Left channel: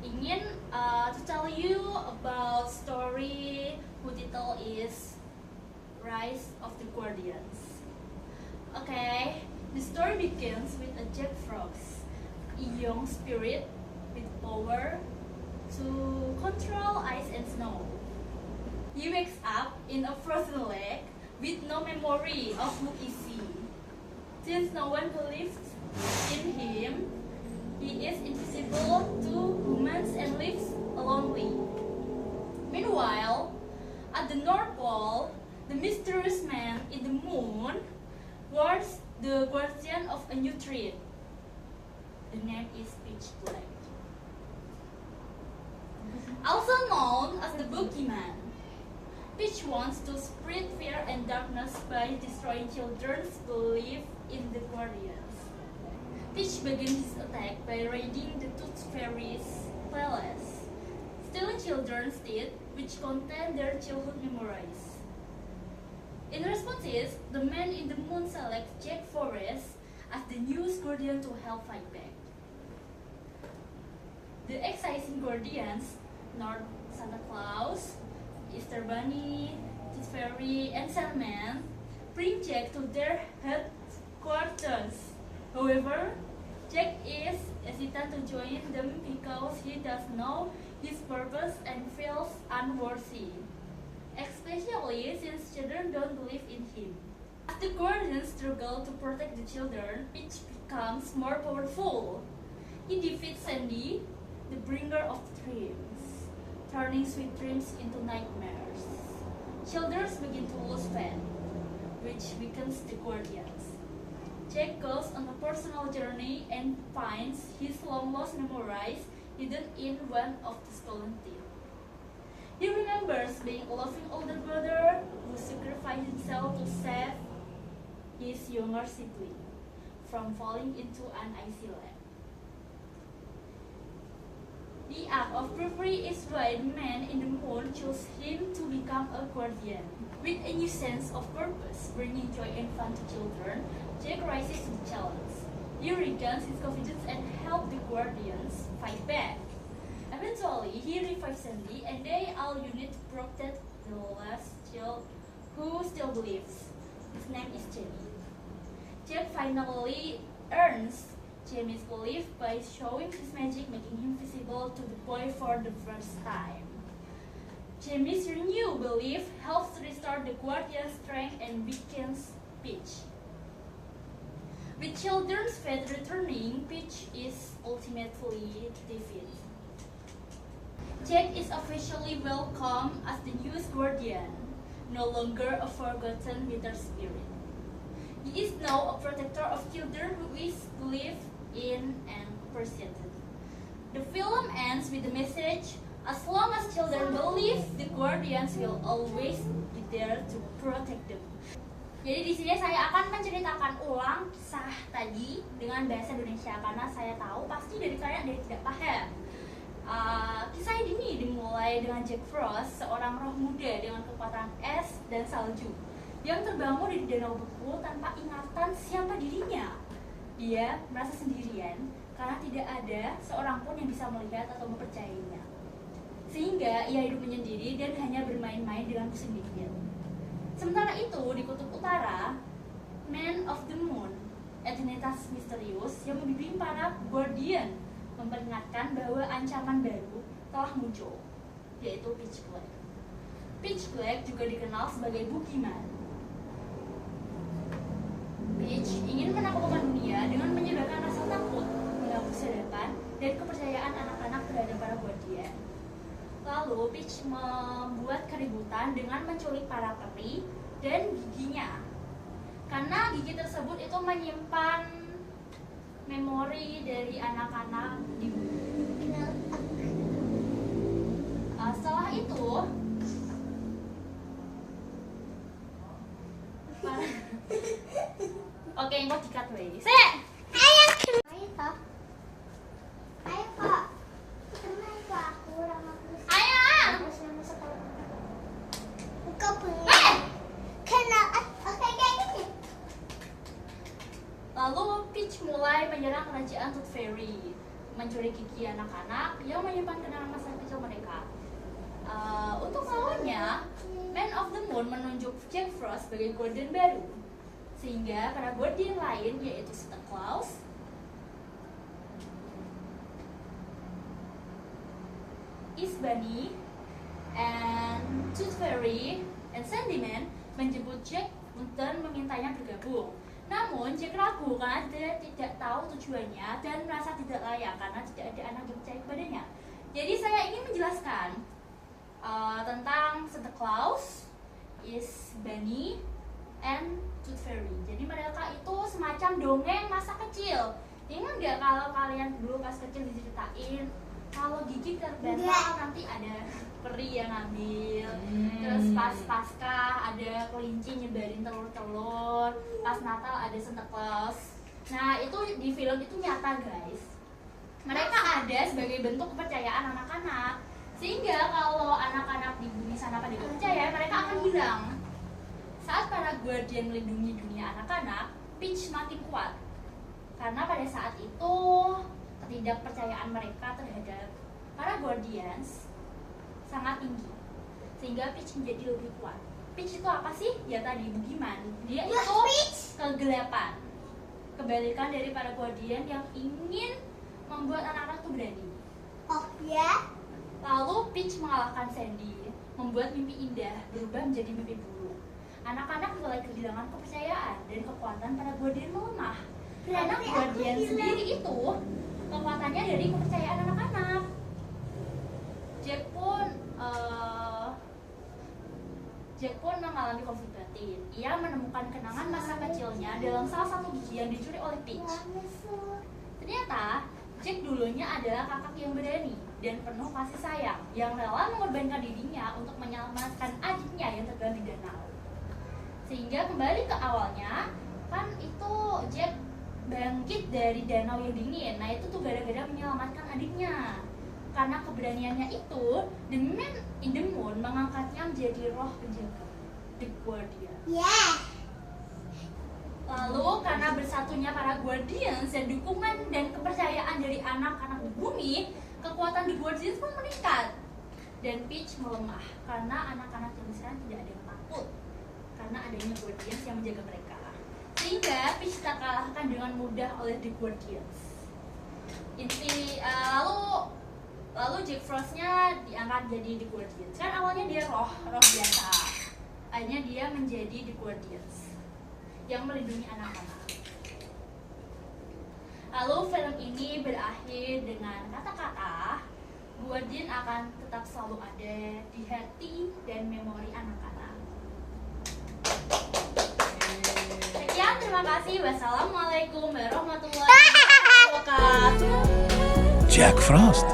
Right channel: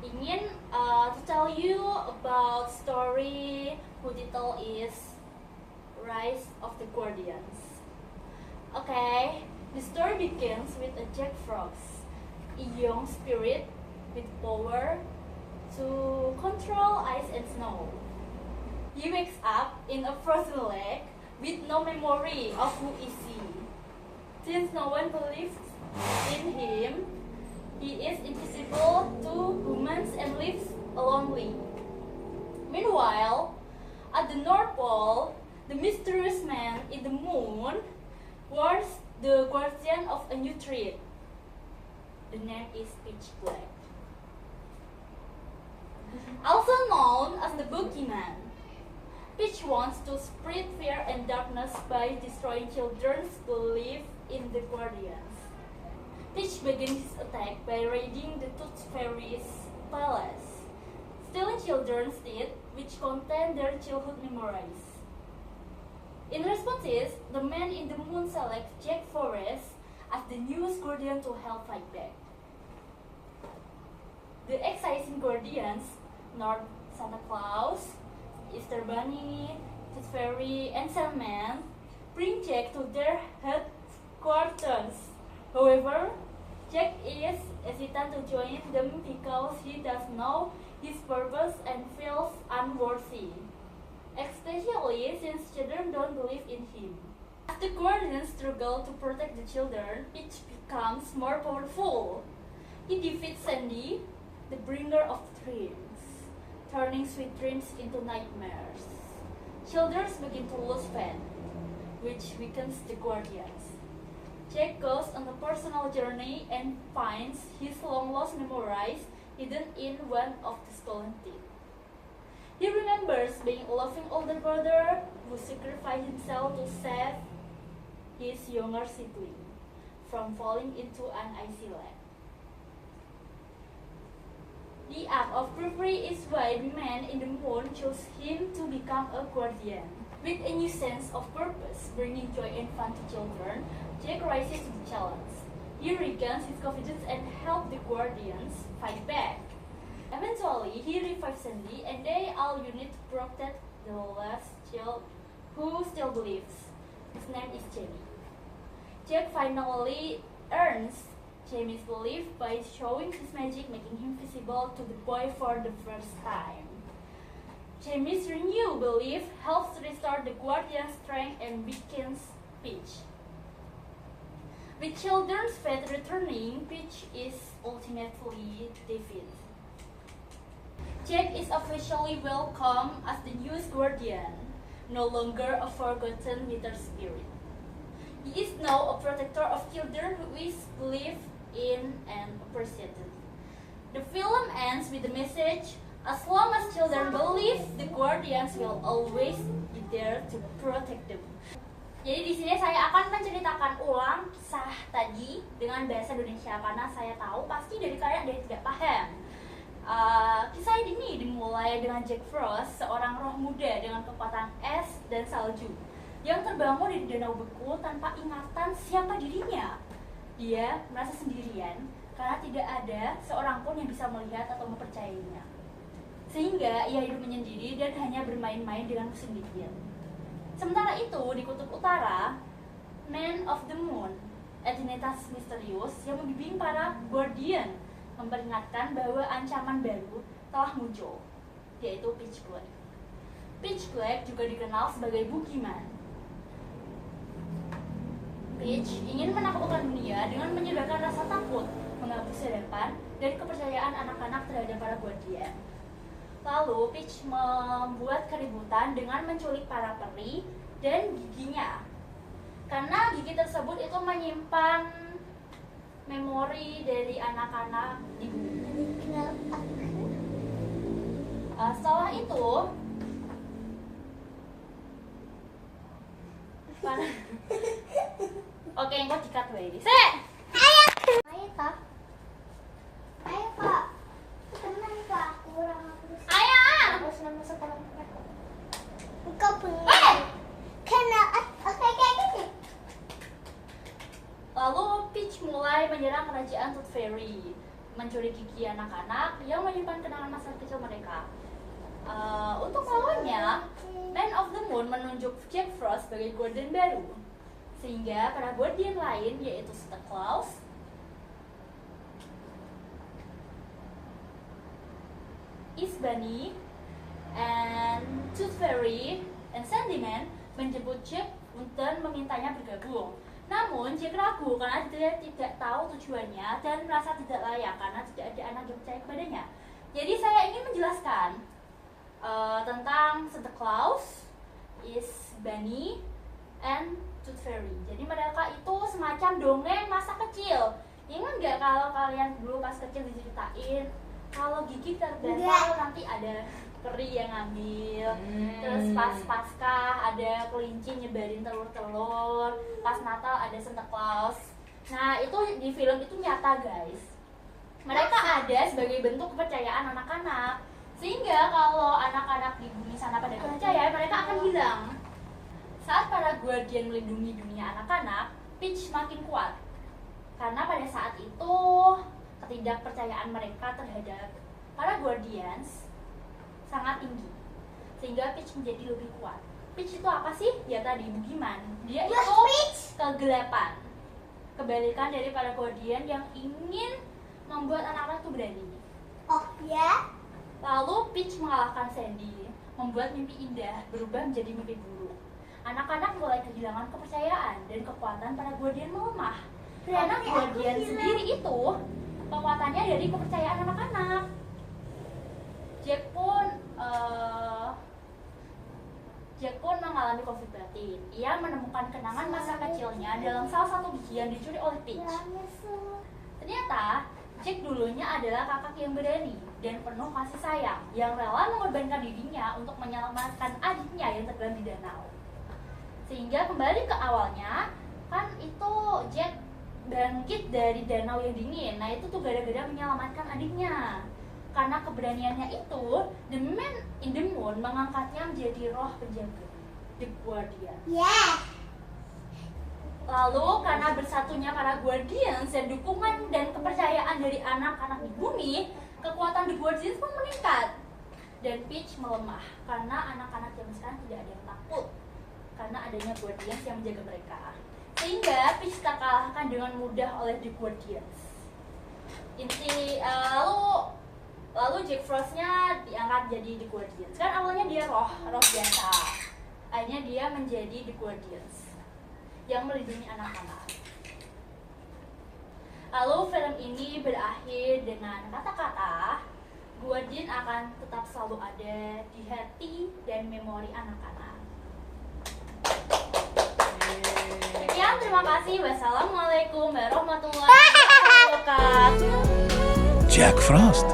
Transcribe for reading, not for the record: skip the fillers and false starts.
ingin to tell you about story whose title is Rise of the Guardians. Okay, the story begins with a Jack Frost, a young spirit with power to control ice and snow. He wakes up in a frozen lake with no memory of who is he. Since no one believes in him, he is invisible to humans and lives lonely. Meanwhile, at the North Pole, the mysterious man in the moon was the guardian of a new threat. The name is Pitch Black, also known as the Boogeyman. Pitch wants to spread fear and darkness by destroying children's belief in the Guardians. Pitch begins his attack by raiding the Tooth Fairy's palace, stealing children's teeth which contain their childhood memories. In response, the man in the moon selects Jack Frost as the newest Guardian to help fight back. The exciting Guardians, North Santa Claus, Easter Bunny, Tooth Fairy, and Sandman, bring Jack to their headquarters. However, Jack is hesitant to join them because he does know his purpose and feels unworthy, especially since children don't believe in him. As the Guardians struggle to protect the children, Pitch becomes more powerful. He defeats Sandy, the bringer of dreams, turning sweet dreams into nightmares. Children begin to lose faith, which weakens the Guardians. Jack goes on a personal journey and finds his long-lost memories hidden in one of the stolen teeth. He remembers being a loving older brother who sacrificed himself to save his younger sibling from falling into an icy lake. The act of bravery is why the man in the moon chose him to become a guardian. With a new sense of purpose, bringing joy and fun to children, Jack rises to the challenge. He regains his confidence and helps the guardians fight back. Eventually, he revives Sandy and they all unite to protect the last child who still believes. His name is Jamie. Jack finally earns Jamie's belief by showing his magic, making him visible to the boy for the first time. Jamie's renewed belief helps restore the Guardian's strength and weakens Pitch. With children's faith returning, Pitch is ultimately defeated. Jack is officially welcomed as the newest Guardian, no longer a forgotten bitter spirit. He is now a protector of children who is believed in and appreciated. The film ends with the message, as long as children believe, the Guardians will always be there to protect them. Jadi di sini saya akan menceritakan ulang kisah tadi dengan bahasa Indonesia karena saya tahu pasti dari kalian ada yang tidak paham. Kisah ini dimulai dengan Jack Frost, seorang roh muda dengan kekuatan es dan salju yang terbangun di danau beku tanpa ingatan siapa dirinya. Dia merasa sendirian karena tidak ada seorang pun yang bisa melihat atau mempercayainya. Sehingga ia hidup menyendiri dan hanya bermain-main dengan kesendirian. Sementara itu, di kutub utara, Man of the Moon, entitas misterius yang membimbing para Guardian, memperingatkan bahwa ancaman baru telah muncul, yaitu Pitch Black. Pitch Black juga dikenal sebagai Boogeyman. Pitch ingin menaklukkan dunia dengan menyebarkan rasa takut, menghapus harapan dan kepercayaan anak-anak terhadap para Guardian. Lalu Pitch membuat keributan dengan menculik para peri dan giginya. Karena gigi tersebut itu menyimpan memori dari anak-anak di bumi. Setelah itu, oke, engkau dikat wae. Sek. Ayo Kak. Ayo Kak. Tenang Kak, aku ulang terus. Ayo. Terus nama sekarang. Kau pengen. Kena oke kayak gini. Lalu Pitch mulai menyerang kerajaan Tooth Fairy. mencuri gigi anak-anak yang menyimpan kenangan masa kecil mereka. Untuk melawannya, Man of the Moon menunjuk Jack Frost sebagai Guardian baru, sehingga para Guardian lain yaitu Santa Claus, East Bunny, and Tooth Fairy, and Sandyman menjemput Jack dan memintanya bergabung. Namun Jack ragu karena dia tidak tahu tujuannya dan merasa tidak layak karena tidak ada anak yang percaya kepadanya. Jadi saya ingin menjelaskan tentang Santa Claus, East Bunny, and Tooth Fairy. Jadi mereka itu semacam dongeng masa kecil. Ingat nggak kalau kalian dulu pas kecil diceritain kalau gigi terbental nanti ada peri yang ngambil, terus pas Paskah ada kelinci nyebarin telur-telur, pas Natal ada Santa Claus. Nah itu di film itu nyata guys. Mereka ada sebagai bentuk kepercayaan anak-anak, sehingga kalau anak-anak di bumi sana pada percaya mereka akan hilang. Saat para Guardian melindungi dunia anak-anak, Peach makin kuat karena pada saat itu ketidakpercayaan mereka terhadap para Guardians sangat tinggi, sehingga Peach menjadi lebih kuat. Peach itu apa sih? Ya tadi bugiman. Dia itu kegelapan, kebalikan dari para Guardian yang ingin membuat anak-anak itu berani. Oh ya? Lalu Peach mengalahkan Sandy, membuat mimpi indah berubah menjadi mimpi buruk. Anak-anak mulai kehilangan kepercayaan dan kekuatan para Guardian melemah. Karena Guardian sendiri itu kekuatannya dari kepercayaan anak-anak. Jack pun mengalami konflik batin. Ia menemukan kenangan masa kecilnya dalam salah satu gigi yang dicuri oleh Peach. Ternyata Jack dulunya adalah kakak yang berani dan penuh kasih sayang, yang rela mengorbankan dirinya untuk menyelamatkan adiknya yang tenggelam di danau. Sehingga kembali ke awalnya, kan itu Jack bangkit dari danau yang dingin. Nah itu tuh gara-gara menyelamatkan adiknya. Karena keberaniannya itu, The Man in the Moon mengangkatnya menjadi roh penjaga, The Guardian. Yeah. Lalu karena bersatunya para Guardians dan dukungan dan kepercayaan dari anak-anak di bumi, kekuatan The Guardians pun meningkat. Dan Peach melemah karena anak-anak zaman sekarang tidak ada yang takut karena adanya Guardians yang menjaga mereka. Sehingga Peach terkalahkan dengan mudah oleh The Guardians. Lalu Jack Frost-nya diangkat jadi The Guardians. Kan awalnya dia roh biasa. Akhirnya dia menjadi The Guardians yang melindungi anak-anak. Lalu film ini berakhir dengan kata-kata Guardian akan tetap selalu ada di hati dan memori anak-anak. Sekian, terima kasih. Wassalamualaikum warahmatullahi wabarakatuh. Jack Frost.